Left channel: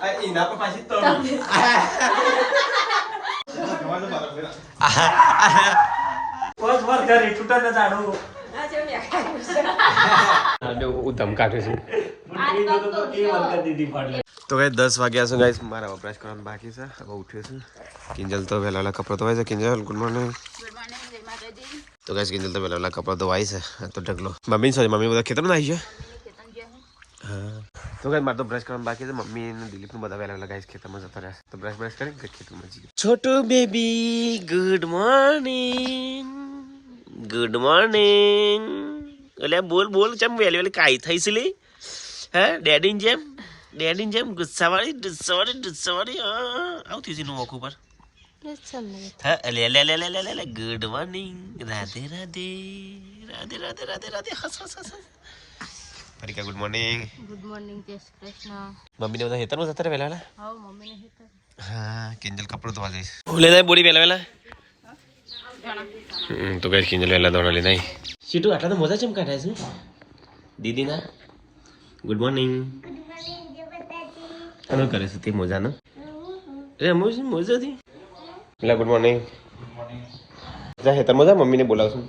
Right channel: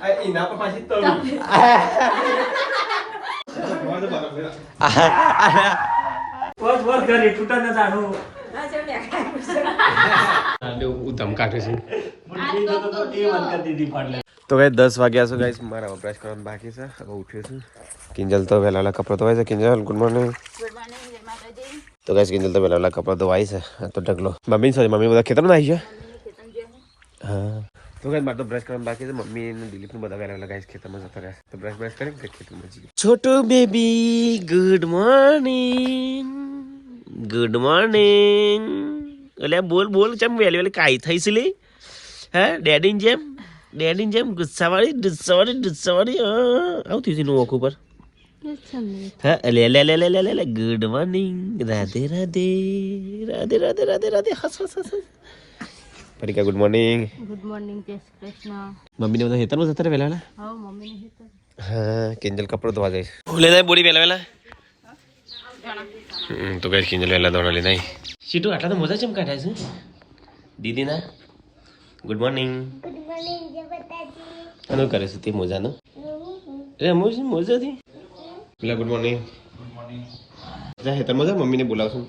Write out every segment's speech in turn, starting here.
એના પર પાછી તળ કરી તૂટા ન જાણું ઉધમ કાઢે છે તો ગાઈસ 10 વાગ્યા છે ગાઈસ મારા વપરાશ કરવાનું બાકી છે હવે ઉઠ્યો છું કિંજલ તો વહેલા કપડા ધોવાય છે કિંજલ ગુડ મોર્નિંગ તો ગાઈસ કિંજલ તો વહેલા કપડા ધોવાય છે તો ઢગલો મમ્મી સોરી મમ્મી બધા ખેતરમાં આવી છે હા તો ગાઈસ મારે તો બ્રશ કરવાનું બાકી છે મમ્મી અને દિલીપ નું બધા વહેલા ગાઈસ ખેતરમાં જતા રહ્યા તો બ્રશ કરીને ખેતરમાં જઈએ છોટુ બેબી ગુડ મોર્નિંગ એટલે બોલ બોલ ચમ વેલી કાઈ થઈ છે લે હે ડેડી જેમ ગુસ્સાવાળી આવતી છે નું ઓખ ઉપર હા લે ગુડ મોર્નિંગ રાધે હસ પરિકા ગુડ મોર્નિંગ જય શ્રી કૃષ્ણ મમ્મીને બધા હેતર માં જતા વેલા હા મમ્મીને હેતર હા કિંજલ કપડો ધોવા જાય લે જાય બોડી વેલા તો કઈ કિંજલ વેલા ધોણા લે નહીં સીટુ આટલા તો મજા ચમ કાઢ્યા છે દીદીના ગુડ મોર્નિંગ જય માતાજી આનો કરે છે તે મોજાનો મોજાથી પેલા ગુડ મોર્નિંગ જા હેતર મજા મમ્મીને બોલાવશું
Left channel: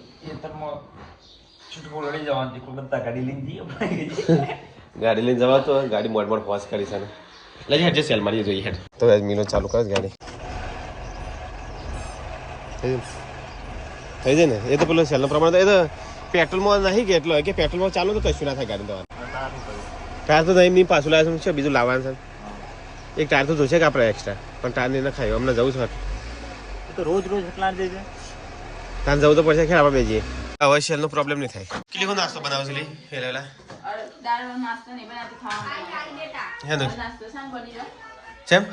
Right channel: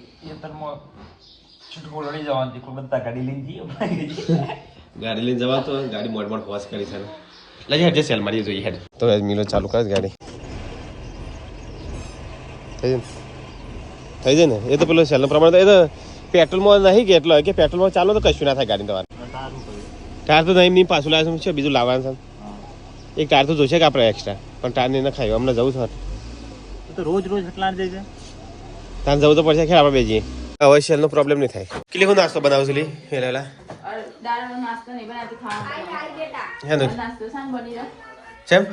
ગાડી લઈને જવા તો ગાડી મોડ ફોસ કરી છે લગે હેડ જે સેલ મારી જોઈએ હેડ તો મિલો ચાલુ કર ગાડી થઈ જાય ને એ તો પેલો સેલનો પ્રમાણ તો એ તો પેટ્રોલમાં નહીં કે એટલો કે પેટ્રોલમાં ચાલો તો કશું ના થાય ગાડી તમારે ટાયર તો નહીં પાછું લાવે છે બીજું લાવવાનું છે એક ટાયર તો જોશે કે આપણે એક્સ્ટ્રા પણ ટાયર નહીં ખાયું અમને જવું છે તો રોજ એટલા જઈએ તાર જવું તો પડશે ખેર આપણે બેજીએ હવે સેલનો પ્રોબ્લેમ નહીં થાય કેટલી હું નાસ્તો બનાવું છું હેલા કેમ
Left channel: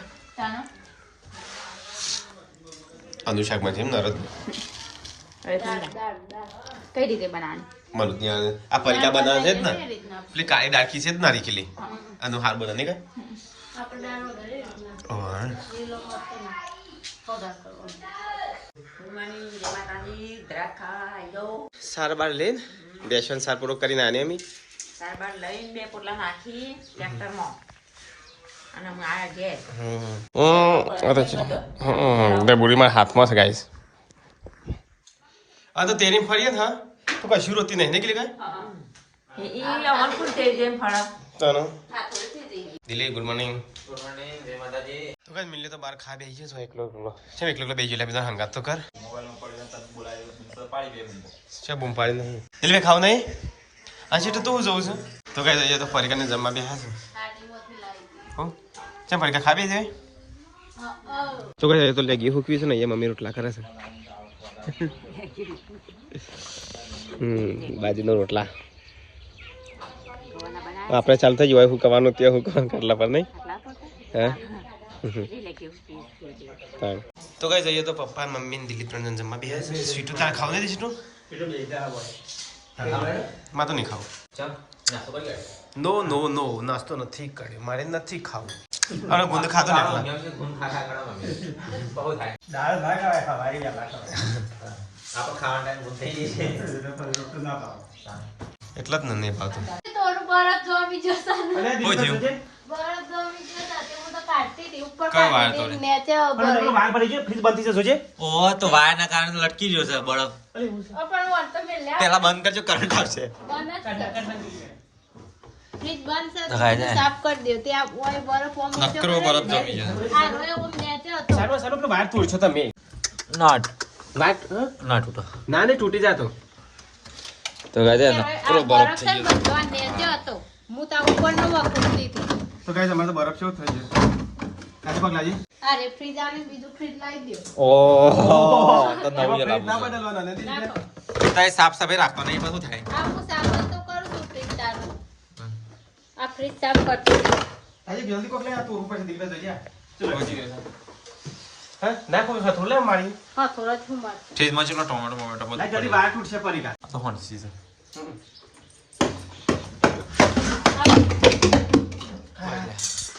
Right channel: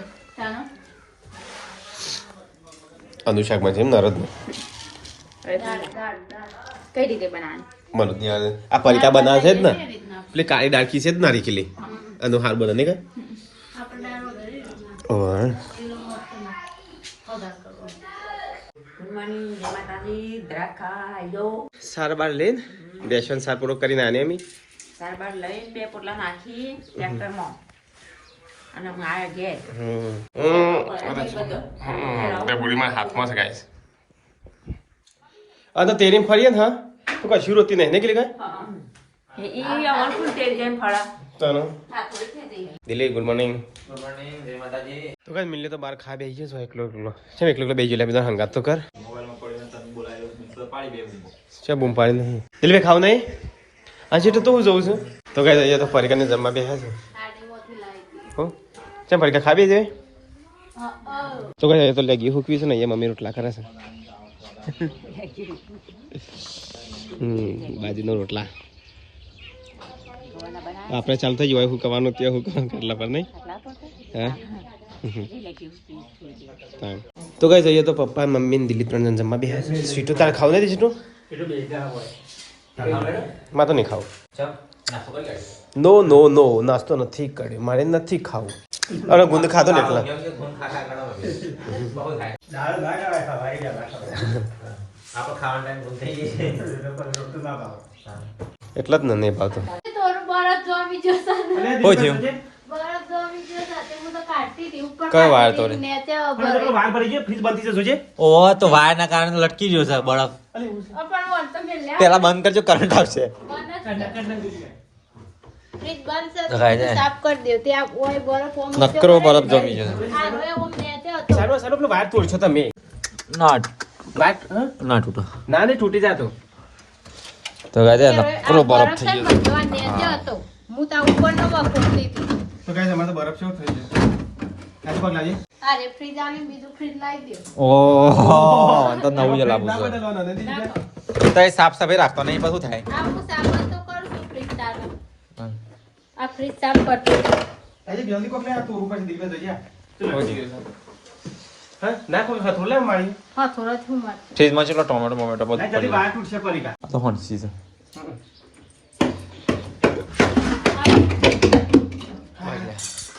અનુશાકમાં છે એમ નરદ કઈ રીતે બનાવવાની મને ત્યાં આ પરીકા બનાવે છે જ ને એટલે કાળી ડાળખી છે જ નારી ખીલી આનો હાર બને નહીં કઈ સાર બાર લઈને બેસન સાર પૂરો કરીને આને એમ સાર બાર લઈને 2 પોટલા નાખી ટ્રેક્ટરમાં અને હું આ ગેસ બુરી મારા હાથમાં છે ગાઈસ આ તો તેરી ફરીએ ને હા તો કશું રોતી નહીં ને કે કઈ ઈ આવન ફૂલ તેલ જેમ ફળા ચાલો દિલીપ ગુડ મોર્નિંગ જય માતાજી તો કઈ મિલે તો બાર ખા બેહી છે એકલો છે એકલો બેહી ગયેલા બધા હંગાત તો કર મોબાઈલ માં પડ્યો તને બોલાયો તો પાડી બે બૂમ છે બૂમ પાડી દિલીપ ખાવ નહીં આ છે તો હું જઉં છું તો કઈ અહીંયા તો પરિકાને જમવા બેહ્યા છે હો ચમ પરિકા ખાબી છે તો કઈ તો લેગી હુકવી છે ને અહીંયા મમ્મી રોટલા કરે છે બાજરીનો રોટલા આપણે ચાલુ થઈ ગયું હું કવાનું ત્યાં હું કવાનું કરલા પર નહીં હા તો કઈ જઈએ તો પપ્પા મમ્મી ને દિલીપ ત્રણ જણ જમવા બેહ્યા છે સ્વીટું તારે ખાવ નથી સ્વીટું માં તો નહીં ખાવ નો નાસ્તો નથી કર્યો મારે નથી ખાવું અરે ગુંદ ખાતો ને એટલા એટલા જ ને નહીં ભાવતો કયો વાયર તોડે ઓ તો વાયર ના કારણે લટકી ગયો છે બરફ પેલા બંધ કરજો કરંટ આવશે નકરો બરફ જમી જશે ના તૂટો ના ને તૂટી જાતો તો ગાજે નકરો બરફ થઈ ગયો તો ગાઈસ અમારે તો બરફ છે થઈ ગયો આજે પગ લાજી અરે ફ્રીજ આલે બીજું ફ્રીજ લાવી દો ઓહો તો નવું લાગુ છે તો એ સાફ સફાઈ રાખતો નહીં બધું થાય આખું સાફ તો કરું ફ્રીજ ચાલુ આ ફ્રીજ ચાલુ કરતો આજે જલ્દી કોક લે તો ઉપર દીવે જઈએ હા ના કોઈ હાથ લે મારી હા થોડા છું માર ફ્રીજ માં ચલો ટોમેટો બધું પડી પડી બહાર તૂટશે પરિકા આ તો હોંસી છે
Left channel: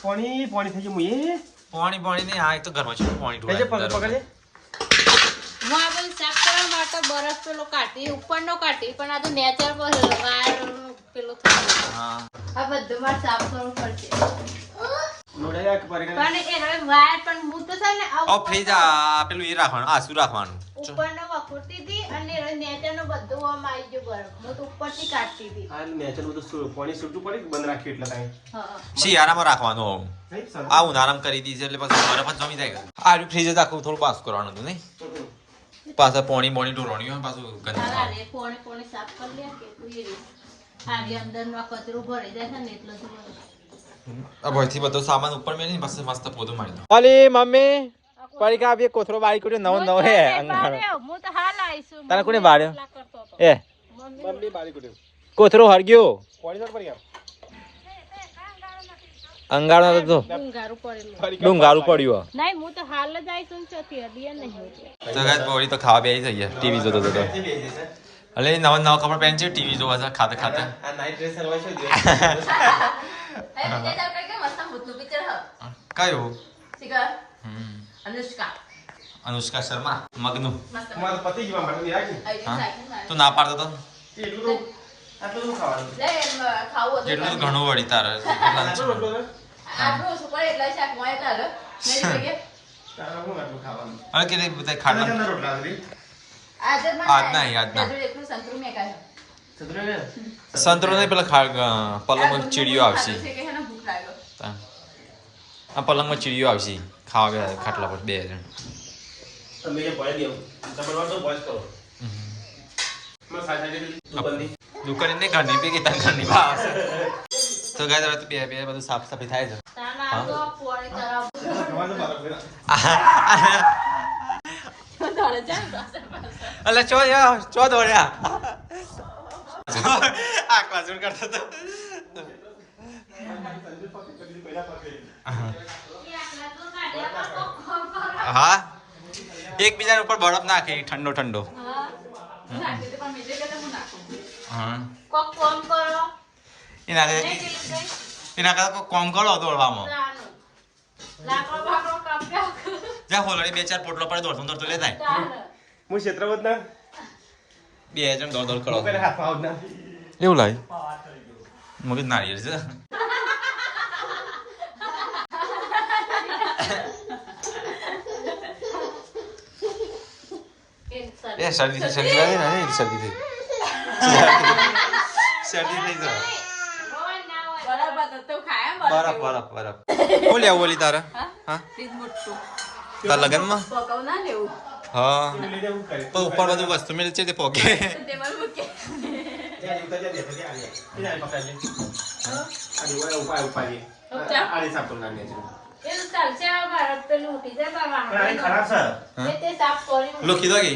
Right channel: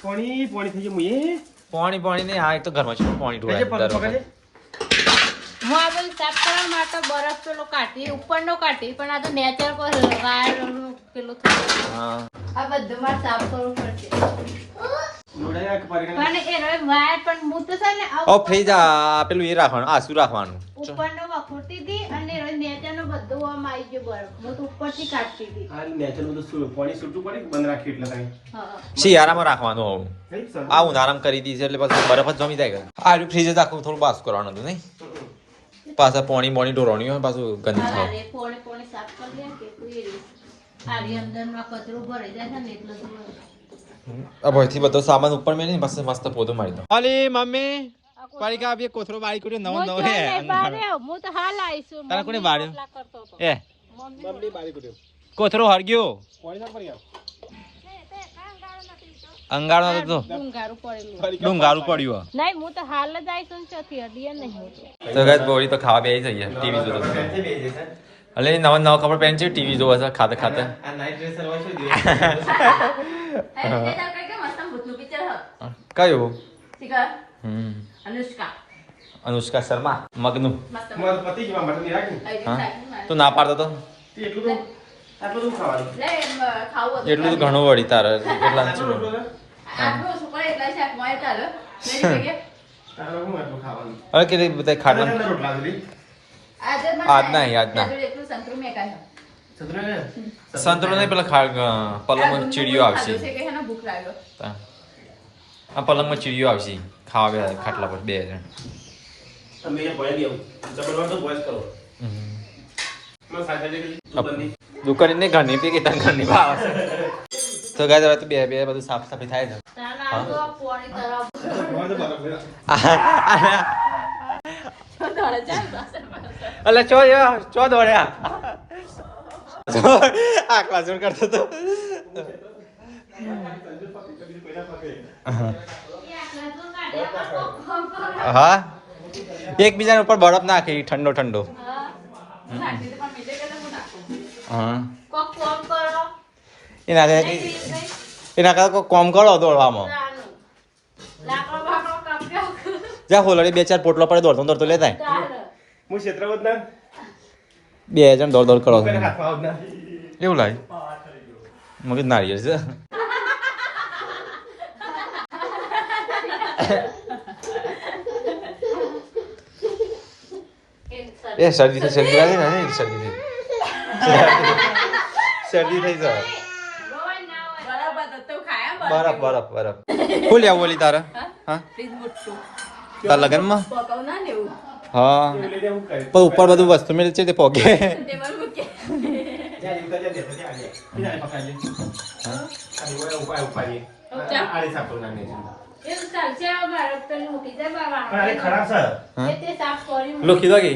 પાણી થઈ ગયું મુએ પાણી નહીં આ તો ઘરમાં છે પાણી ઢોળાય હું આ બધું સાફ કરવા માટે બરફ પેલો કાઢી ઉપરનો કાઢી પણ આ તો નેચર પર બહાર પેલો હા આ બધું મારે સાફ કરવું પડશે પણ એ હવે વાયર પણ હું તો છે ને ઓ ફ્રીજ પેલું એ રાખવાનું આસુ રાખવાનું ઉપરનો વખોડતી હતી અને નેચાનો બધું આમ આવી ગયો બરફ હું તો ઉપરથી કાઢતી હતી શિયાળામાં રાખવાનું આવું આ ઉનાળામાં કરી દીધી એટલે પછી બરફ જ જમી જાય આ ફ્રીજ જ આખું થોડું બાસ કરવાનું હતું નહીં પાછા પોણી બોણી ઢોરવાની હોય પાછું ગંદી થાય અરે પોણે સાફ કરી લે કે તું એ રે આરી અંદરમાં કચરો ભરી જાય છે ને એટલે તો આ ભઈથી બધો સામાન ઉપર મેલી ને પછી મસ્ત પોતો મારી દો અલી મમ્મી પડી કા બે કોથરો બાળી કોડ્યો નવો નવો હે હું તો હાલ આવીશું તને કોને બાળ્યો એ મમ્મી બારી પડ્યો કોથરો હરગ્યો પોણી પર ગયા અંગાળો તો ડુંગારું પડ્યું નહીં હું તો હાલ જ આવીશું ચોથી હદી નહીં તો ગાઈસ બોડી તો ખાવા બેહી જઈએ ટીવી જોતો જોતો અલે નવા નવા કપડા પહેન છે ટીવી જોવા છે ખાતે ખાતે આ નાઈટ ડ્રેસ હોય છે કયું શિખર અનુષ્કા અનુષ્કા શર્મા મગનું મારે પતિ જવા માટે ની રાખી હા તું ના પાડતો તો એટલું તો આટલું તો ખાવાનું એટલું તો ઘણું વળી તારે એટલા આટલું ખાવાનું હવે કે બધા ખાટલા કેટલા રોટલા સુધી આજ ના સંતરો નહીં પેલા પલંગમાં ચીડીઓ આવશે આ પલંગમાં ચીડીઓ આવશે ખાવા બે ખાટલા પર 2 જણ તમે એ ભય નહીં જબરવાર તો વોઇસ કરો માં સાઈડ બંધી દુકાન ને ઘરની પી કે તાન ઘરની ભાવ તો ગાય હવે તો બે બધું સાફ સફાઈ થાય છે અલે ચો દોડ્યા આકલા જોડ કરતો તો હા એકબીજાના ઉપર બરફ નાખી ઠંડો ઠંડો હા એના કરતા કોમ કરો દોડવામાં જ્યાં હોલડી 2-4 પોટલો પડે દોડતો લેતા હું ક્ષેત્રવત ના 2 જણ દોડ કરો પેલા હાથમાં આવ ના એવું લાગે મગજ નારિયેળ છે એ શરદી લાગે ને શરદી થઈ જાય બરફ ફૂલ આવું બોલી તારા હા તાર લગનમાં હા પણ ઉપર બધું વસ્તુ મેળ છે તે પોકે લોકી દો કે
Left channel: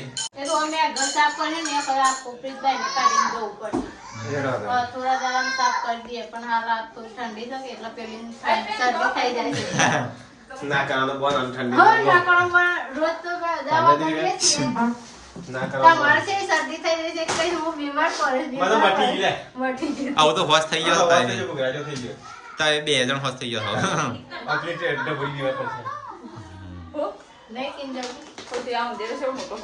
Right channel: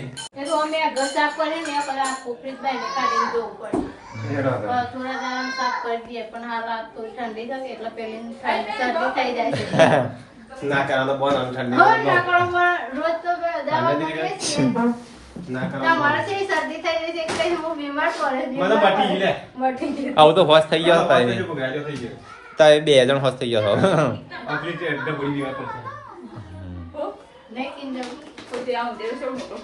થોડા જવાનું સાફ કરી દઈએ પણ હાલ રાત તો ઠંડી છે એટલે પેલી શરદી થઈ જાય છે ના કરા તો બહુ ઠંડી ના કરો રોજ તો દવા કરીએ છીએ તમારે છે શરદી થઈ જાય છે એટલે હું બીમાર પડે મને મટી લે આવું તો હોશ થઈ ગયો તારે ગુગરાડ્યો થઈ ગયો તારે 2 જણ હોશ થઈ ગયો છો કમ્પ્લીટ ડબલ બીમાર પડશે નહીં કિંજલ ખોટી આવું દેવ છે મોકો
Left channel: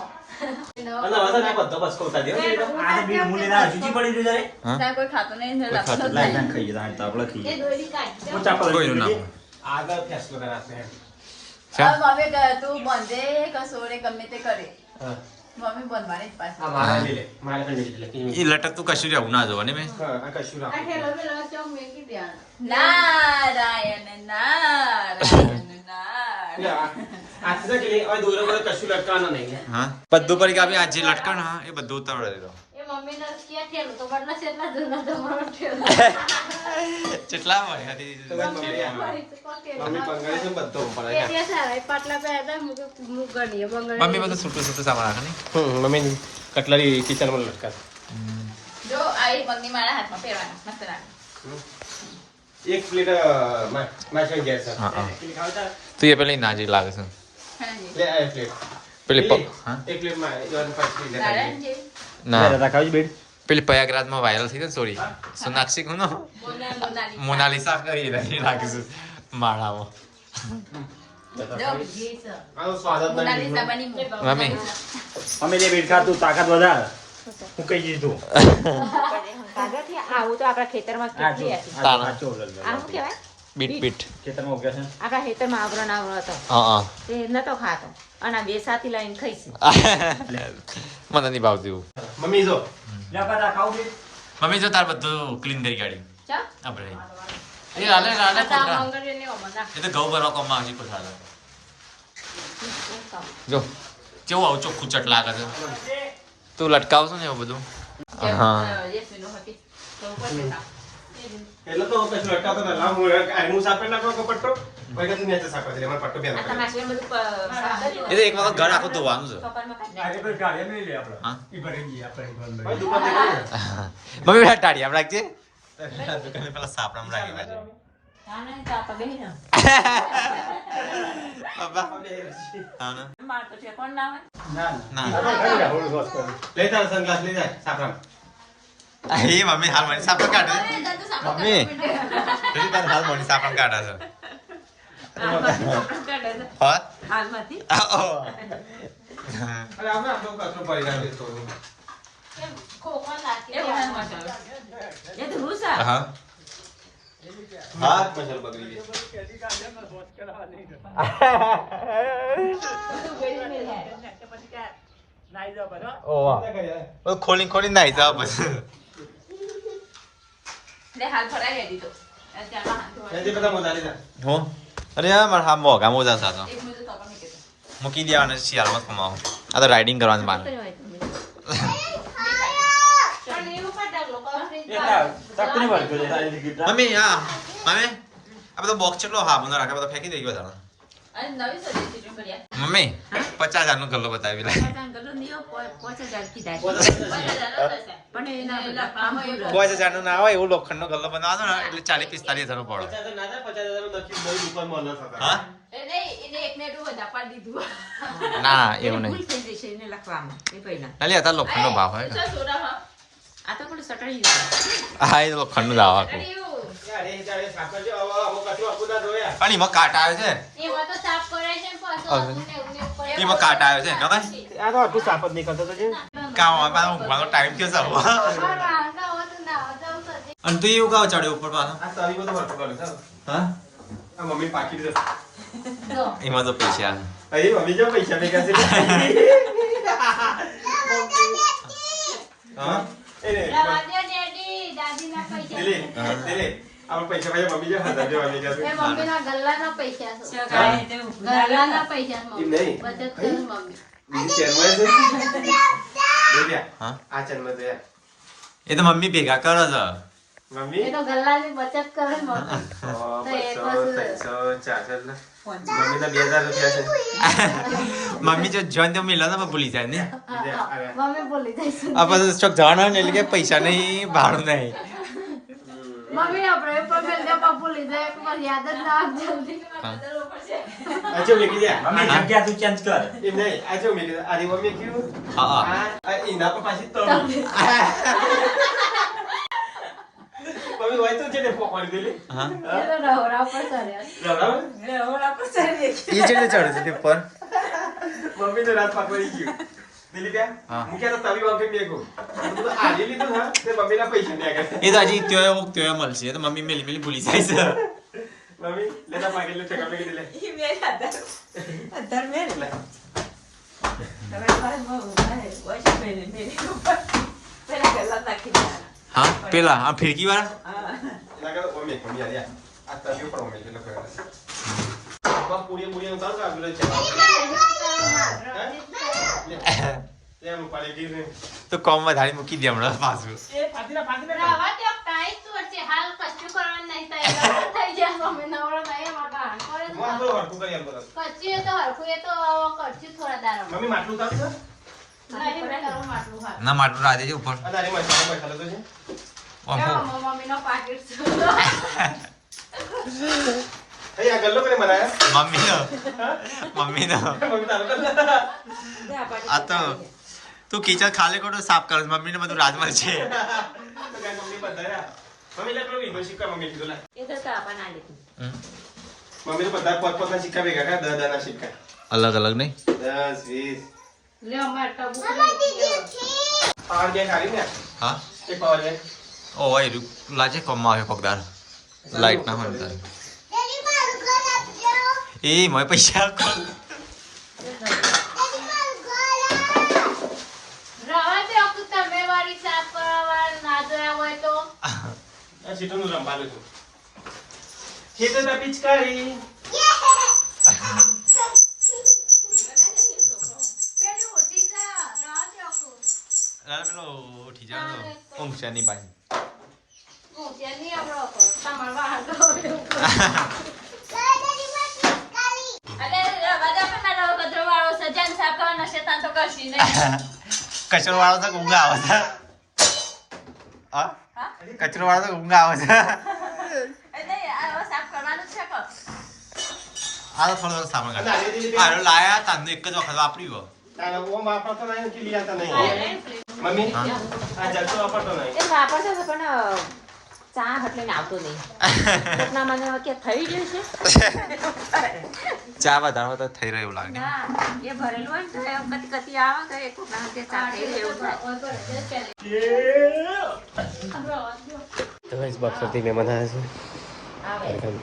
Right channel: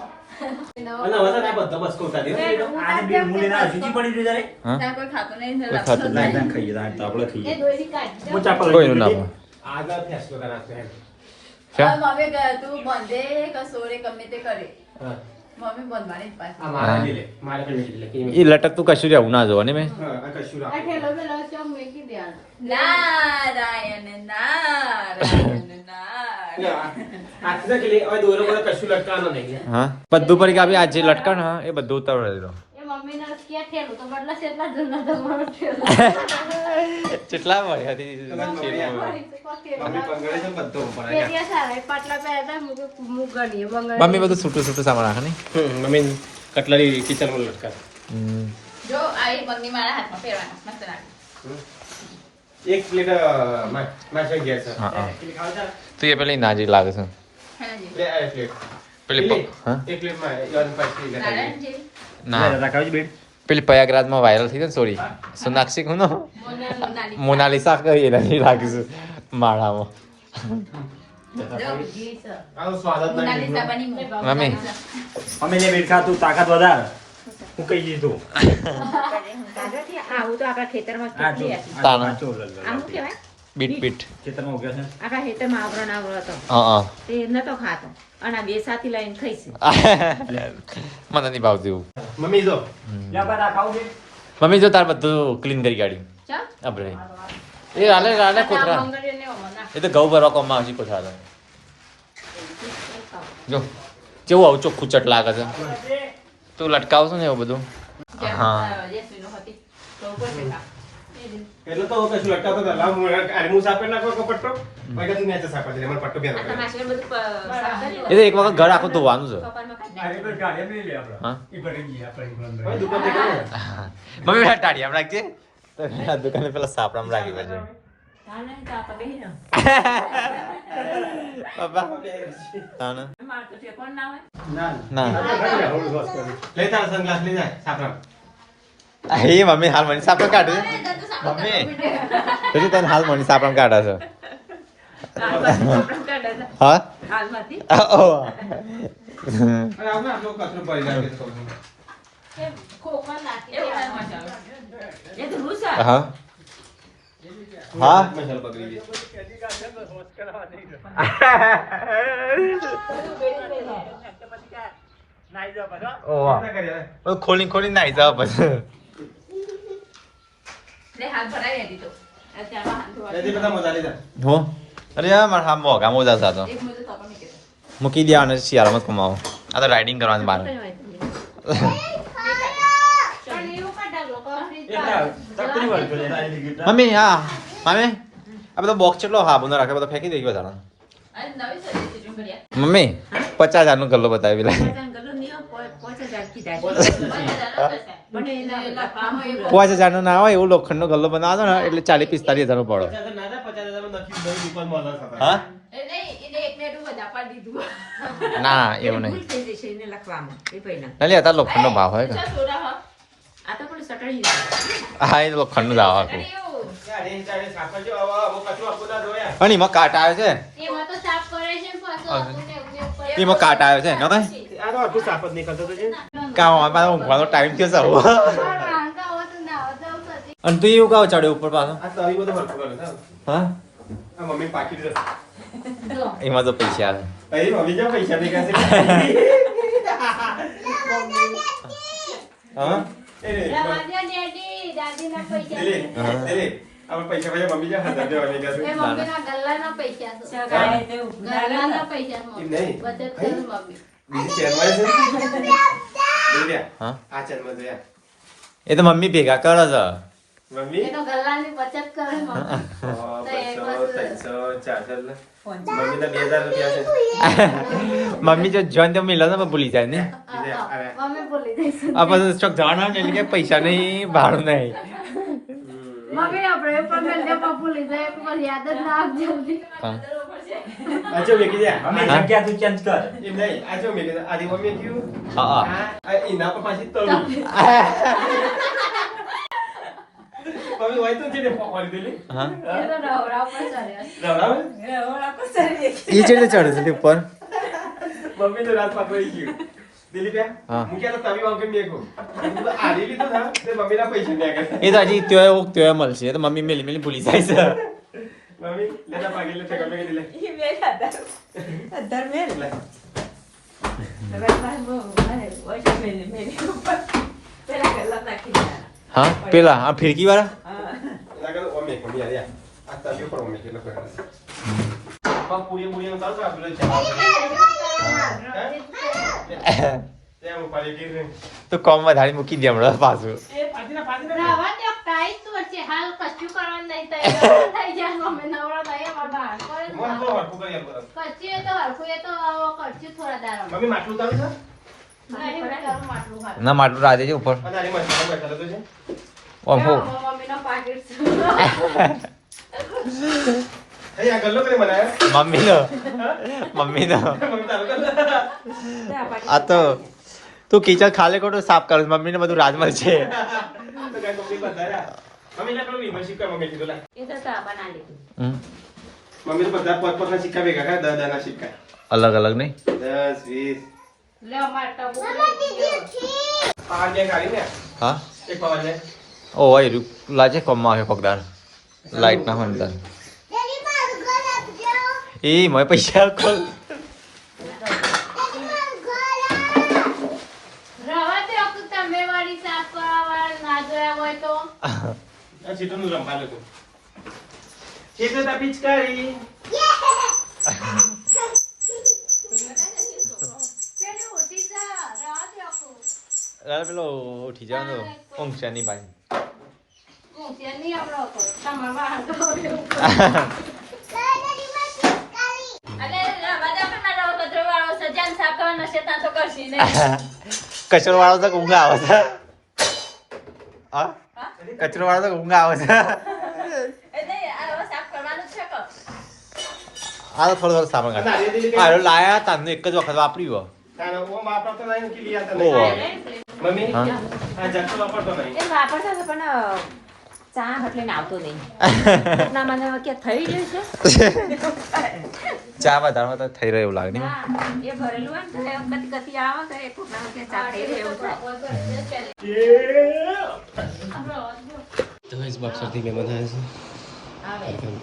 અને હવે તો બધો બસ કોતા દે આજે બે મુલીના જુજી પડી રહ્યું જરે ત્યાં કોઈ ખાતું નહીં કોઈ ખાતું નહીં. લાઈ ખાઈએ તો આપણે એ ખાઈએ દોરી કાઢ હું ચાપલ કોઈનું ના આગળ ફેસલો કરાશે મમ્મી કહે તું બંધે કસોરે ગમે તે કરે મમ્મી બંધવાની જ પાસે આ મારા લે મારા ખંડે લે એ લટકતું કશું રહેવું ના જોવા ને મેં હા આ કશું આ રાખ ઠેલો પેલો ચોક મેકી દેવાનું નારાયણ નારાયણ આટલા કે લે આ દોરો મને કશું લટકાનો નહીં હા બધું પડી ગયા આ જે લટકણ હા એ બધું ઉતાવળે દો એ મમ્મીને ક્યાં ઠેલું તો મતલબ કેટલા જૂના તમારો ઠેલું કેટલા હોય હતી મમ્મી પંગળી છે બધું ઉપર કેરિયા સારા પાટલા પે હતા મુક ગણીએ મમ્મી બધું છૂટું સામાન રાખે ને મમ્મી કટલરી કિચનમાં લટકા જો આ એક બંગી મારા હાથમાં પહેરવાનો મસ્ત લાગે એક પ્લેટ માછે ગેસ હા હા તું એ પેલી નાજી લાગે છે હેનાજી લે આ પ્લેટ પેલી હા એક પ્લેટ માં યોન કરતી લેતા નારાયણજી ના રાખાવજો બેન પેલી પ્રયાગરાજમાં વાયરલ થઈ ને સોરી સોનાક્ષી કોનો મોનાલિસા કહીએ નહીં લાગે છે માળામાં આનો સ્વાદ જ મોનાલિસા બની મમ્મી અમે ને બેન તું તાકાત વધાર હું કહી દીધું કાગળથી આવું તો આપણા ખેતરમાં કેટલી હતી તાના ચોલ આનું કહેવાય બીટ ખેતરમાં ઉગ્યા છે આપણા ખેતરમાં આવરો હતો હા તે નતો ખાતો અને આ બે સાથી લઈને ખાઈશું મને નહીં ભાવતું એવું. મમ્મી જો મમ્મી જો તાર બધું ક્લીન કરી કાઢ્યું ચા આપણે એ રાલે રાલે કોથરા મંગળે લેવો મને એ તો ઘઉં ભરવા કોમમાં આવશે કોથરા તો. જો કેવું આવું ચોખ્ખું ચટ લાગે છે તું લટકાવશો ને એવું બધું હા એટલે તો કશું લટકાતો તો લાવ હું સાપડ નાખો પટ્ટો પછી તું નેચે સાપડ દે મને પટ્ટો બેનો એ તો એક વખત ઘર આખું ધોવાનું છે હા ભાઈ દુકાન દે કરે હા. મમ્મી પેલા ટાળી આમ રાખજે તો આ દુકાને પેલા સાપડામાં રાખી પડશે બાબા હા ને ના લે તાર સનગ્લાસ લઈ જાય સાપરામ એ મમ્મી હાલ મને સાપડા કાઢે મમ્મી પછી તને હાલ મને સાપડા કાઢે છે હા હાલમાંથી ઓ અરે આપણે આટલો કચરો પડી જાય છે થોડું ખોખો નાખી એ તો ભૂસા હા હા મસાલો બગડી ગઈ ઓ વાહ ખોલી ખોલી નાઈ જાવ પછી ને હાલ ભરાઈ દીધો અત્યારે હાલ ધોવા જલ્દી બધા મોજા લીધા હો અરે યાર મારા હા મોગા મોજા સાતો એક મિનિટ તો પણ નીકળે મૂકી દેવાને શિયાળામાં જ કમાવો આ તો રાઇડિંગ કરવાની બહાર પણ એવું પણ ઢગલો ચકરી વાળ જોઈએ મમ્મી હા મમ્મી આ બધો બોક્સ કેટલો હા બંધ રાખે બધો ફેંકી દઈ ગયો તારા અને નવી સર્વિસ એટલું કર્યા મમ્મી 50,000 નો ગલ્લો બતાવી પેલા ગલો નિયો 5000 કીધા બને એના કામ પૂરું 5000 નો ના હોય એવું લોખંડનો ગલ્લો બનાવવાનો ને એટલે 40-45,000 નો પડો નાજા 50,000 નક્કી બહુ દુકાનમાં ના થતા હા એને એક ને એટલું બધા પાડી દીધું ના એવું નહીં ભૂલ થઈ જશે એને લખવામાં એ પૈના ના લે અત્યારે લોખંડનો ભાવ હોય ને આ તો પણ સટડી દીધું હા એ લોખંડનું જ આવે આખું અને એમાં કાટ આવે છે એમાં તો સાફ કરે છે ને પાછું આપણે ને ઉપર એમાં કાટ આવે છે ન કઈ આ તો આટલું સાફ જ નહીં કરતો તો જેમ કામ પાછો ઊંઘવાનો ટાઈમ થયો છે હાંકા હોય તો નાવા જાવ સતી અને તું એવું કાવ ચડ્યો ઉપર પાછો આ તો આવી બધું હરખું કરે છે હા આ મમ્મી પાકી જશે જો એમાં તો પૈસા આવે અહીં મમ્મી જો પૈસા દે કે છે હા રવા દે ડેડી દાદીના પૈસા દિલી દિલી આપણે પૈસા ભાઈ મમ્મી જે 1000 દેવાની કે એ છે મમ્મીના ગલ્લાના પૈસા છે ગાય દેવું ગલ્લાના પૈસા છે એમ મમ્મી નહીં. બચત કરે મમ્મી બીજી ચેરમાં છે દેવ્યા હા આ ચેરમાં દે એ તો મમ્મી ભેગા કરે છે મમ્મી એ તો ગલ્લાની બચત કરે મમ્મી 100 200 400 મમ્મીના 2000 રૂપિયા છે મમ્મી જો જોન તો મિલો ને ભૂલી જાય ને બીજા અરે મમ્મી બોલી જઈશું આ પછી ચોક જવાનું હોય ને એટલે કે પૈસા નહીં ભાડું નહીં મમ્મી આપણે પણ મેં લેવા ભૂલી જાય એક વાર યાદ જ ના આવે જલ્દી હા. આજે મેકી દે મમ્મી હા? જગ્યા તું ચેન્જ કર એમ નહીં આજે મેકી દે આજે મમ્મી કીધું હા આ એના પર પાછી તળું મમ્મી હોય તો છે ને પકડી દેલી હા એ તો નવરા પર ચડ્યા બરાબર એ છે ને ચડે છે તે ઉપર મમ્મી તો રાત પકડી ગયું દિલી હા. ક્યાં મુખ્ય તો તારી વાંકે મેગો તો આલી લીધું ના તે મમ્મીના પૈસા ને આગળ એ તો હજી ત્યોય મળશે એ તો મમ્મી મેલી મેલી ભૂલી જાય છે મમ્મી લેતા પાકી લે ટકા મેકી દે હા પેલા આ ફિરકી વાળા આગળ મમ્મી મમ્મી આયા આ તારી ઉપર મમ્મી છે લખેલું માં પૂરી પૂરી નો તાર કાઢું છે ત્યાં ઉપાડી ગઈ તો કોમ વધારે મૂકી દે હમણાં પાછું રવા દે કાઈ તો છે હાલ કશું કરવાનું નહીં તૈયાર થઈ જાય મમ્મી નવરા ભાઈ અમાર બહાર કરે છે. મોં તો હરખું કરી આલ બરાબર કચ્છી એ તો હરખું એ તો કચ્છી થોડા દાડા મમ્મી માટલું તારું છે નહીં બેટાનું માટલું હાલ ના માટલું રાધે છે ઉપર અને આની મસાલો તો છે ઓમ હો મમ્મીનો પાકીટ છે એ આ ગલ્લો કોને બનાયા મમ્મીનો મમ્મી તારું ગલ્લો આ તો તું કિચન ખાલે ખોટો સાફ કર મમ્મીને બધું રાજમલ છે તો ગાય મમ્મી બધાયા મમ્મી લા પેલો વિમલ સિક્કા મમ્મી કીધું લા હમ. મમ્મી તો બધા પોતપોતાના સિક્કા ભેગા કરે 10 દાના સિક્કા અલગ અલગ નહીં 10 20 લે અમાર ટબુ પાવર ગેસ આવી ને હા એક પાવર લે ઓ એ લાજે કોમમાં આવે પગદાર લાઈટ ના હોય ને તાર એ મને પૈસા આપો. રવા દે અકુ તમે વાળી સાફ કરવા વાળા ના જોયા હોય તો આ સીટોનું રંપાલે તું સીટો તા પિચકારી પેલી ઉઠી જા રવા દે અકુ પેલો ઉઠી જવાનો ઊંઘ છે ની પાછી. હું ત્યાં નહીં આવડો હતો તમારા વાળ તો અરે રાજા પણ મારો કચરો વાળો સજન સાફ કરવાનો છે ત્યાં તો કરશી નહીં. કચરો વાળો તો ઊંઘ આવે છે. હા કચરો વાળો તો ઊંઘ આવે છે. એટલે આ સાફ કરવાનું જ છે કે આ તો થોડો સામાન કાઢ. આ લાયા તારનું એક જ વખત વાપર્યું. તારે ઓ માપા તો નહીં કે લીયા તને ઓહો. મમ્મી હા. આ જક્ષ વાપરતો નહીં એ વાપરશે ને પણ ચા બદલીને આવતું નહીં. ના મને કે થઈ ગયું છે ચા વધારવા તો થઈ રહ્યો એવું લાગે ને. ના એ ભરેલું હોય ને તો એ કતી કતી આવે તો એ કોકના હાથે ચા થઈ રહી એવું થાય. તો ગાઈસ બક્સરથી મહેમાન આવ્યા છે અરકાન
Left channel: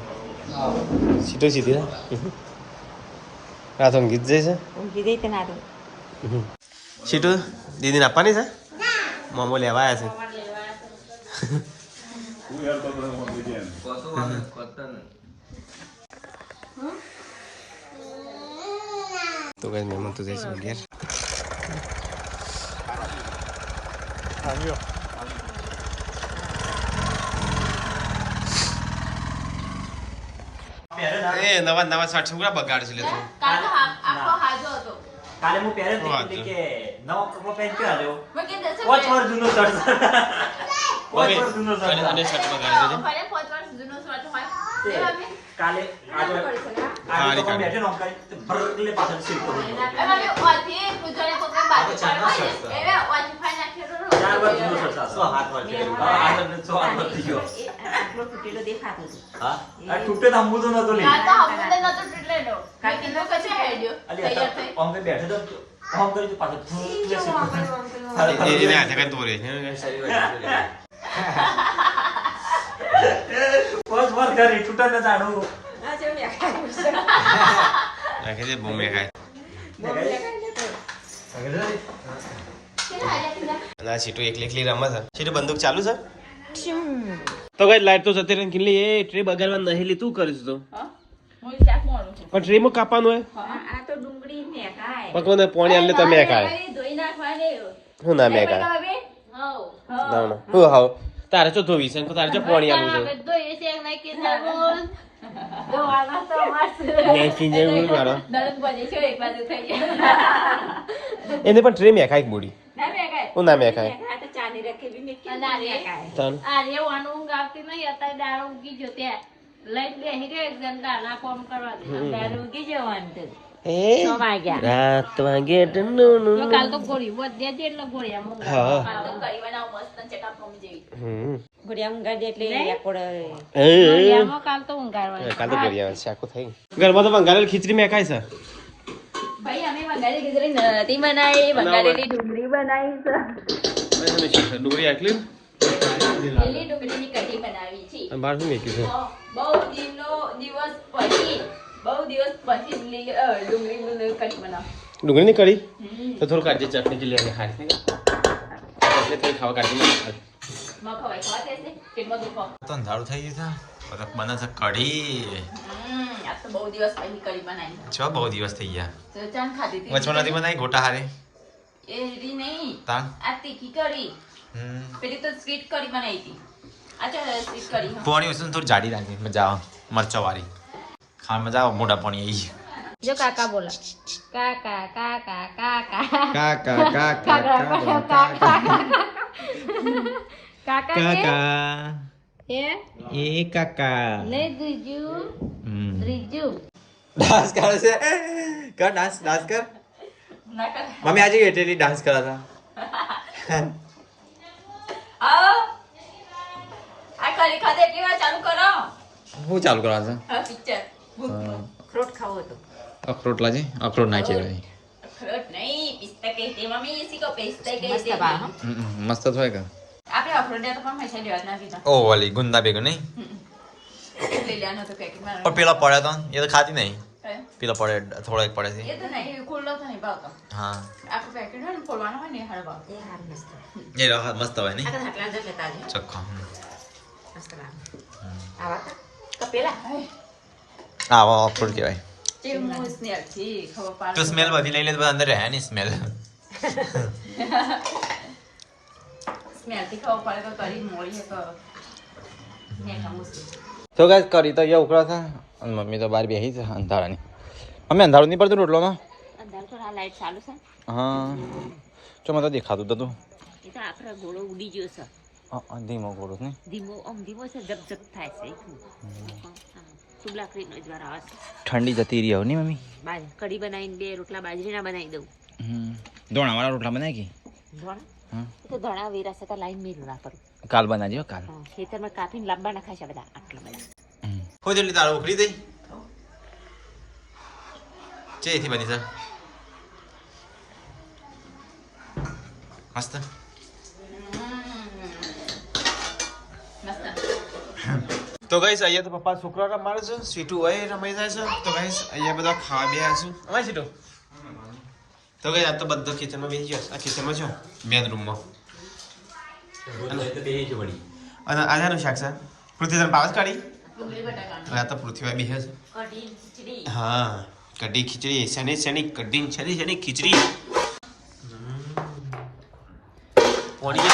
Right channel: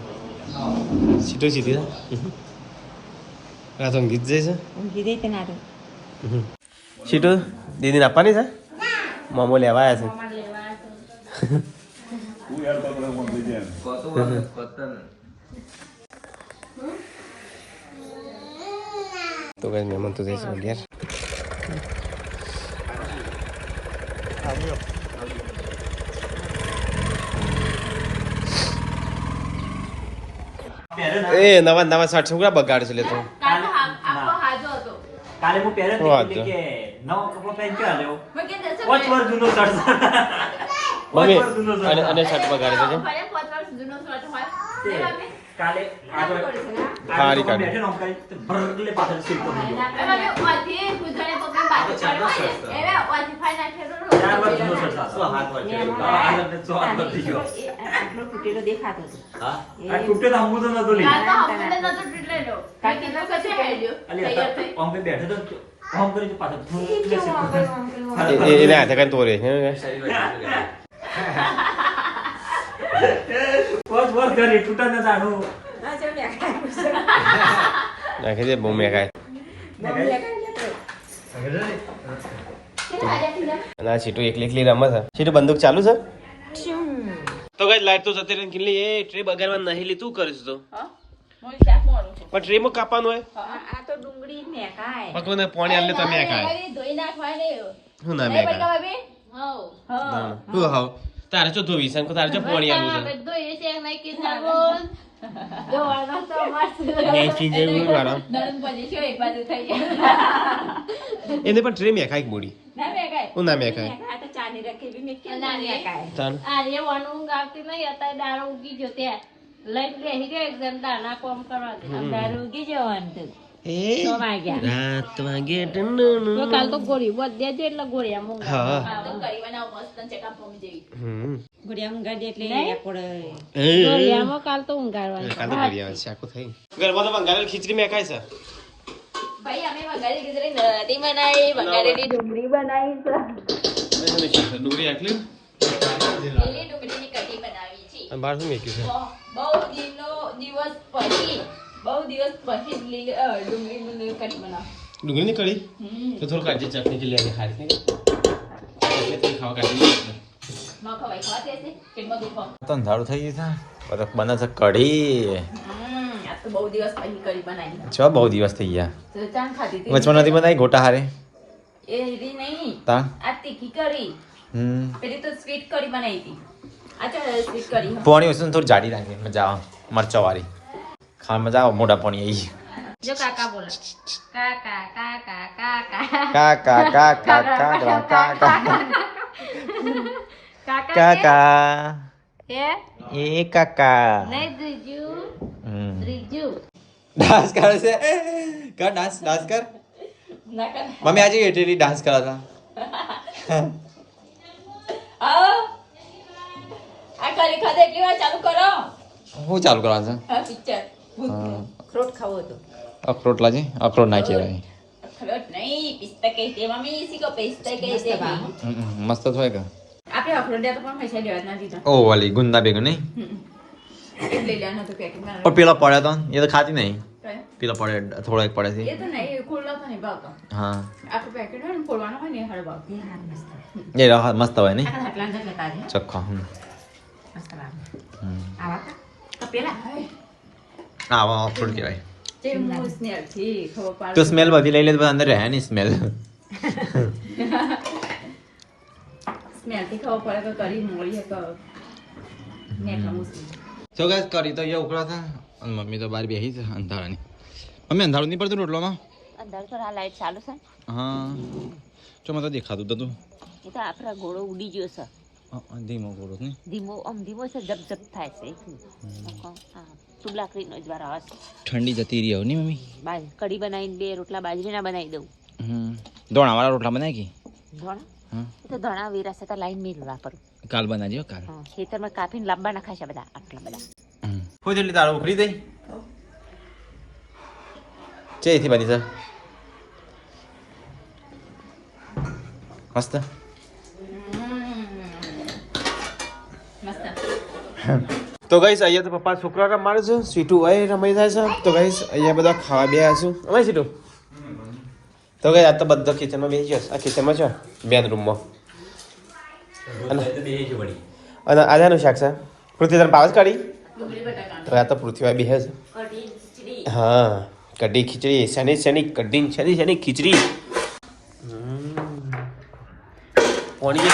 સીટો સીધી રાતો ગીત જાય છે ઊંઘી ગઈ તે ના તો સીટો દીદીને આપવાની છે મોમો લેવા આવ્યા છે તો ગાઈસ મહેમાન તો જાય છે ઘેર એ નવા નવા સાઠ છોકરા બગાડ છે લેતો કાલ તો આખો હાજો હતો. કાલે હું પહેરે વાત કે નવો કપડો પહેરી કે આલ્યો મેં કીધું છે 5 વર્ષ જૂનો શર્ટ મમ્મી 5 વર્ષ જૂનો અને શર્ટ અને સાઠ બગાડ છે કે ભલે 5 વર્ષ જૂનો શર્ટ હોય. છે. એ મમ્મી કાલે આજો હારી આજો કાઢી. બેઠે નોમ કરી તો ભરગલે પાછળ શિલ્પો થઈ ગયો એ મમ્મી ઓથી પૂછવાને પકડે બાજુ પડવા એ ઓથી ફાઈ નાખેલો 4 વર્ષ જૂનો શર્ટ હતો 7 વર્ષ આ લગ્ન 7 વર્ષ થઈ ગયો આટલો તૂટેલો દેખાતો હતો. હા આ તૂટે તો હમું તો નતો લે આ તો હમણાં નતો તૂટેલો. કાકી નો કશું આઈડિયો. અલી આમ બે બેઠે તો આમ કરી તો પાછળ ભરગલે શિલ્પો એને હાથે કઈ તોરે છે 5 વર્ષ ઘરે તૂટા ન જાણું નાખી દે બહુ મેકાય અને આ સીટો એકલી એકલી રમે છે સીટો બંદૂક ચાલુ છે તો કઈ લાઈટ તો જતી રહી કિલ્લી એ ટ્રે બગાડવા નહીં લી તું કરીશ તો પણ ટ્રે માં કાપવાનું હોય આ તો ડુંગળી મેકાય. પકવાને પાણી આલે તો મેકાય ધોઈ નાખવાને. હું ના મેકાય હવ. ના ના હું હાવ તારે ચો ધોવી શંકુ તારે ચો પાણી આલું છે ન્યાયથી જેવું મારો નણંદ બની છે એક બાજુ થઈ ગયા. એને પણ ટ્રે મેકાય એક બોડી ના મેકાય. હું ના મેકાય આ તો ચાની રખેલી મેકી ના મેકાય. ચાલ ઊંઘ આવતી નહીં અત્યારે દાડો ઉગી ગયો ત્યાં લઈ બેસી ગયો એકદમ દાના કોમ કરવા દે ત્યારે ઉગી જવાનું તો. એ 6 વાગ્યા. રાત વાગે તો કાલ તો ગોળી બધે જ એટલે ગોળીયા મોંઘા હા કરી બનાવ મસ્ત ચકા ફોમી જેવી. ગોળિયા ઊંઘા દે એટલે આકોડ. ગોળીયામાં કાલ તો ઊંઘાડવાની કાલ તો ગોળિયા શાકો થઈ ઘરમાં તો બંગાળેલી ખીચડી મેકાય છે ભાઈ અમે વઘારેલી ખીચડી નતી બનાવી, વઘારેલી ડુંગળી બનાવી છે. ડુંગળી આટલી લીલી ડુંગળીની કઢી બનાવી છે. અને બહાર શું મેકી છે બહુ દિવસ પછી ડુંગળીની કઢી બનાવ. ડુંગળીની કઢી તો થોડું કાચી ચટણી ચીલી અને ખાઈ એટલે થોડી ખાવા કાઢી મખવાઈ ખાતે છે પેટમાં દુખો. તો અંધારું થઈ ગયું છે બરફ બને છે કઢી. આ તો બહુ દિવસ પછી કઢી બનાવી. ચો બહુ દિવસ થઈ ગયા. તો ચાન ખાધી હતી. વચમાં નથી બનાવી ગોટા હારે એ રી નહીં. તા આ તીખી કઢી. પેલી તો સ્વીટ કઢી બનાવી હતી. આ તો સ્વીટ કઢી. પોણી વસ્તુ થોડી જાડી રાખી મજા આવે મરચા વાળી ખાવા મજા આવે મોટા પોણી આવી જો કાકા બોલા કાકા કાકા કાકા કાકા કાકા કાકા કાકા એ એ કાકા નહીં જીજુ જીજુ ડાન્સ કરે છે કર ડાન્સ કર મમ્મી આજે એટેલી ડાન્સ કરા હતા આ કઢી ખાધે એટલી વાર ચાલુ કરો. હું ચાલુ કરવાનું હા પિક્ચર. છે અખરોટ ખાવો હતો. અખરોટ લાજે અખરોટ ના કહેવાય અખરોટ નહીં પિસ્તા કહી દે મમ્મી શીખો પિસ્તા કહી દે. મસ્ત હોય કે આપણે અખરોટ તો પણ પૈસા લેવા જ ના દીધા. ઓ વાલી ગુંદા ભેગું નહીં લઈ લેવાનું હતું પેકેટમાં. પણ પેલા પડ્યા તો એ તો ખાતી નહીં કઈ પેલો પડે થોડો એક પડે છે એ તો નહીં ખુલ્લો તો નહીં ભાવતો હા આખું પેકેટ હોય ને ખોલવાનું હોય ને એ હારો ભાવતો એ મસ્ત હોય નહીં આટલા જ લેતા છે ચોખ્ખો મસ્ત લાગે આવા પેલા આવો ફૂલ કહેવાય ચેમનું સ્મેલ છે ખબર તો પાડો સ્મેલ બધી લઈ લે તો અંદર રહે નહીં સ્મેલ સ્મેલ થી ખબર પડે તો કરી મોડી તો નેખા મુશ્કેલ તો ગાઈસ કરી તો એ ઉકળા હતા અને મમ્મી તો બહાર બેસી છે અંધારાની મમ્મી અંધારું નહીં પડતું રોટલોમાં અંદર તો આ લાઈટ ચાલુ છે હા જો મને તો દેખાતું હતું એ તો આખરા ગોળો ઉડી ગયો છે ધીમો ગોળો ને ધીમો છે જબ જબ થાય છે તું લાકડીનો જ વાર આવે છે ઠંડી જતી રહી હવે નહીં મમ્મી કઢી બનાવીને 2 રોટલા બાજરીના બનાવી દઉં દોણાવાળા રોટલા બનાવી કે ધોણા તો ધોણા વેરા છે તો લાઈન મેળવા કરું કાલ બનાવજો કાલ ખેતરમાં કાપીને લાંબા નાખાય છે બધા આટલા બધા હું જેટલી તારું ઉકળી દઈ છે એથી બની સર મસ્ત તો ગાઈસ અહીંયા તો પપ્પા છોકરા રમાડે છે સીટું હોય રમાઈ થાય છે તો ગાઈસ અહીંયા બધા ખાવા બેહ્યા છું અમાય સીટું તો ગાઈસ આ તો બધા કિચનમાં બેસી ગયો આ કિચનમાં છે બેન રૂમમાં અને આજાનું શાક છે પૃથ્વી તને પાવસ કાઢી તો આ તો પૃથ્વી બેહે છે હા કઢી ખીચડી શની કઢી શની ખીચડી પોણી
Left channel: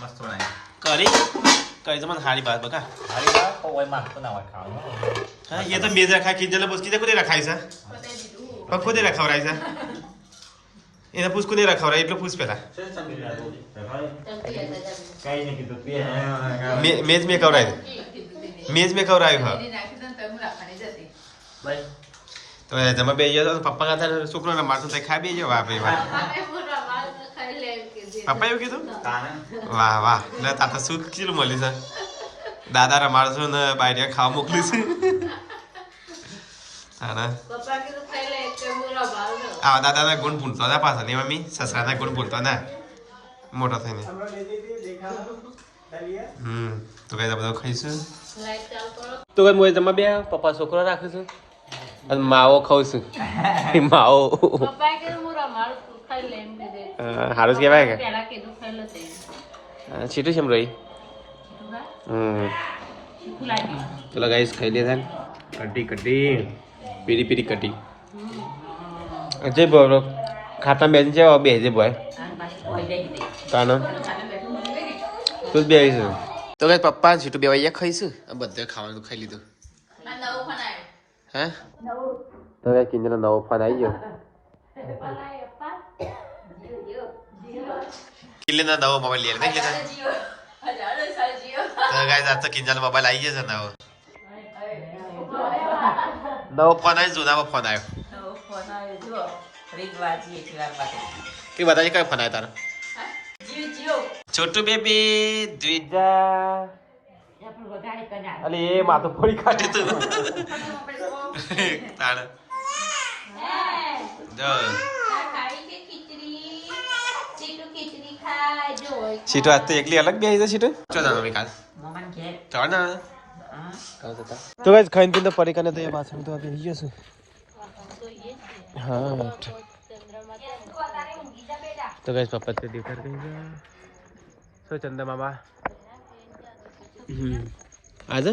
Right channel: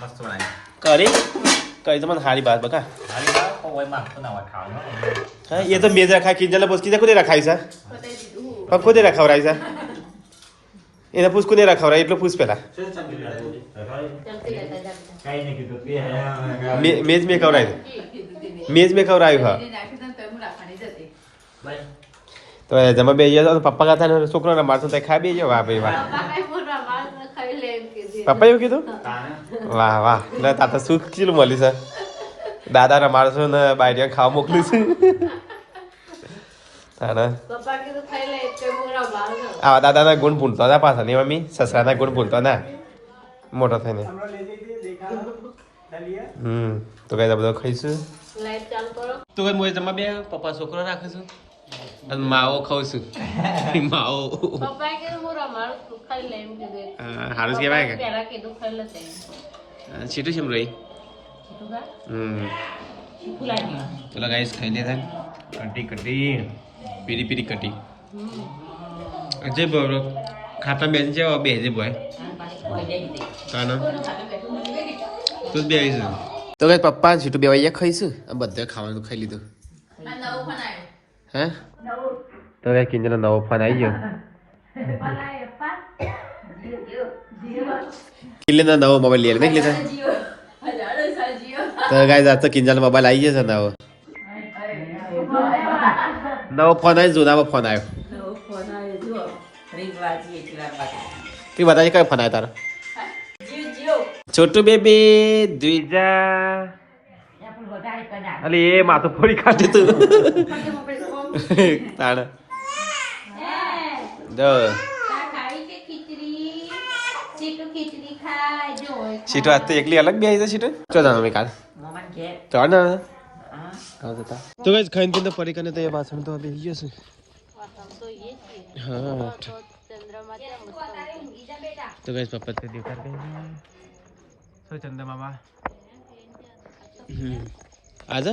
મસ્ત બનાવી કરી તો મને હારી બાત બકા હા એ તો બે જ રખાય કિંજલ પૂછ કીધે કોને રખાય છે પણ ખુદે રખાવરાય છે એને પૂછ કોને રખાવરાય એટલું પૂછ પેલા મેજ મેં કવરાય મેજ મેં કવરાયું હા તો જમા બે ગયા પપ્પા કાતા ને છોકરો ને મારતો ખાઈ બે ગયો વાહ ભાઈ વાહ પપ્પા એવું કીધું વાહ વાહ એટલે તા તો સુખ કેટલું મળ્યું છે દાદા રમાડશું ને બાયરિયા ખાવા મોકલીશું તાને આવા દાદાના ગુણ ભૂલતો હતા પાછા નહીં મમ્મી સસરાના ગુણ ભૂલતો ના મોટો થઈને તો કઈ બધું ખાઈશું તો કઈ મોય જમા બે પપ્પા છોકરો રાખું છું અને માવો ખાઉં છું માવો સારું કહેવાય કે છીટું છે એમ રહી ચલો ગાઈસ ખાઈ લેતા કટી પીરી પીરી કટી જે બોલો ખાતા બેસી છે બે જે બોય તાનો તું બે આવીશું તો કઈ પપ્પા છીટું બે વાગ્યા ખાઈશું બધા ખાવાનું ખાઈ લીધું હે તો કઈ કિંજનો નવો ફોન આવી ગયો કિલ્લેનો નવો મોબાઈલ લઈ નહીં લીધા તો ગાઈસ આ તો કિંજલ મોબાઈલ આવી ગયો છે નવો ફોન આવ્યો જૂનામાં ફોન આવ્યો કે બતાજે કયો ફોન આવ્યો તારો છોટું બેબી દ્વિજા અલે એ માથું ફોડી કાઢે તું તાણ જો સીટો આજ તો એકલી અલગ બેસી છે સીટો ચો જાનો મેં કાલ તો ના તો ગાઈસ ખાઈને પીને ફરી કને તો એ વાસણ તો બેસી ગયો છે હા તો ગાઈસ પપ્પા તો દેખાર ગઈ સો ચંદા મામા આજે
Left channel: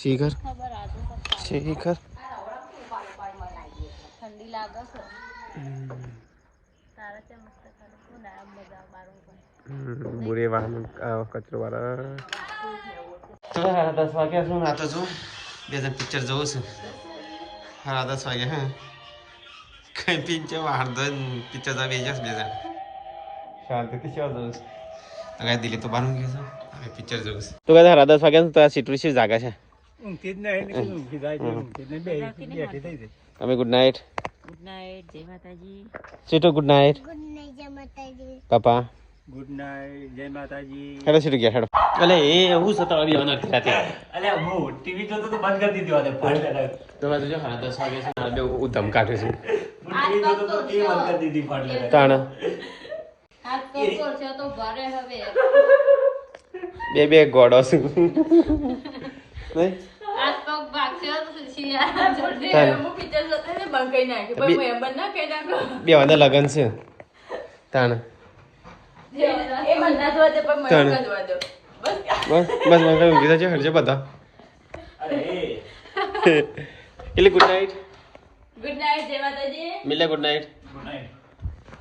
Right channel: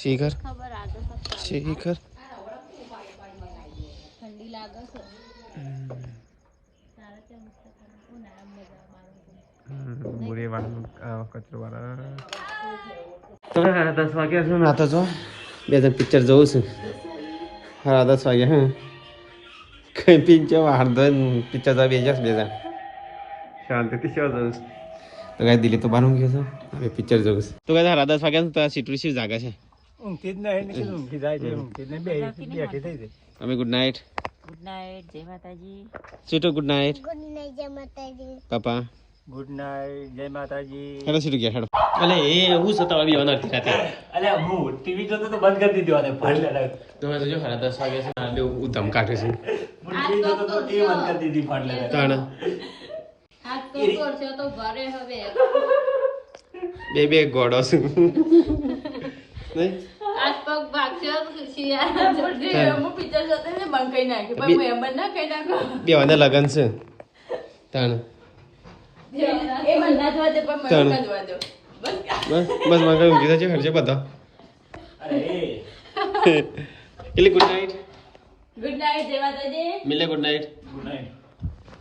શિખર શિખર ઠંડી લાગે છે તારે છે મસ્ત કરે કોણ આ મજા બારો બુરે વાહન કચરો વાળા તો 10 વાગ્યા છું નાતો છો બે જણ પિક્ચર જોઉં છું 10 વાગ્યા હા કઈ પિક્ચર વાહન તો પિક્ચર તો બે જશ બે જણ શાંતિથી શો જોઉં તો ગાય દિલ્હી તો બારું ગયો છે હવે પિક્ચર જોઉં છું તો ગાય 10 વાગ્યા તો આ સીટરી શી જાગા છે અમે ગુડ નાઇટ જય માતાજી સીટો ગુડ નાઇટ જય માતાજી પાપા ગુડ નાઇટ જય માતાજી હેડો સીટો ગયા હેડો અલે એ હું સતાવી ઓનર રાતે અલે હું ટીવી જોતો તો બંધ કરી દીધો અને ફોન તો મેં જો 10 વાગ્યા છે ઉધમ કાઢે છે ટીવી જોતો તો ટીવી બંધ કરી દીધી ફોન લે તાણ હાથ પગ છે તો ભરે હવે બે ગોડો છું નહીં હાથ પગ પછી યાર. હું પિક્ચર જોતો ને બંધ કરી નાખ્યું પણ હું એમ બંધ ના કરી નાખ્યું બે વાંધા લગન છે તાણ એ બંધ ના જોવા દે પણ મને ચાલ. પણ જોવા દે બસ બસ બસ મને કઈ ઊંઘી થશે હરજે બધા અરે એટલે ગુડ નાઇટ ગુડ નાઇટ જય માતાજી મિલે good night good night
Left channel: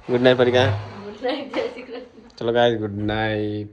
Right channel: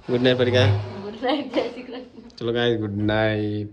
good night પરિકા ગુડ નાઇટ જય શ્રી કૃષ્ણ ચલો ગાઈસ ગુડ નાઇટ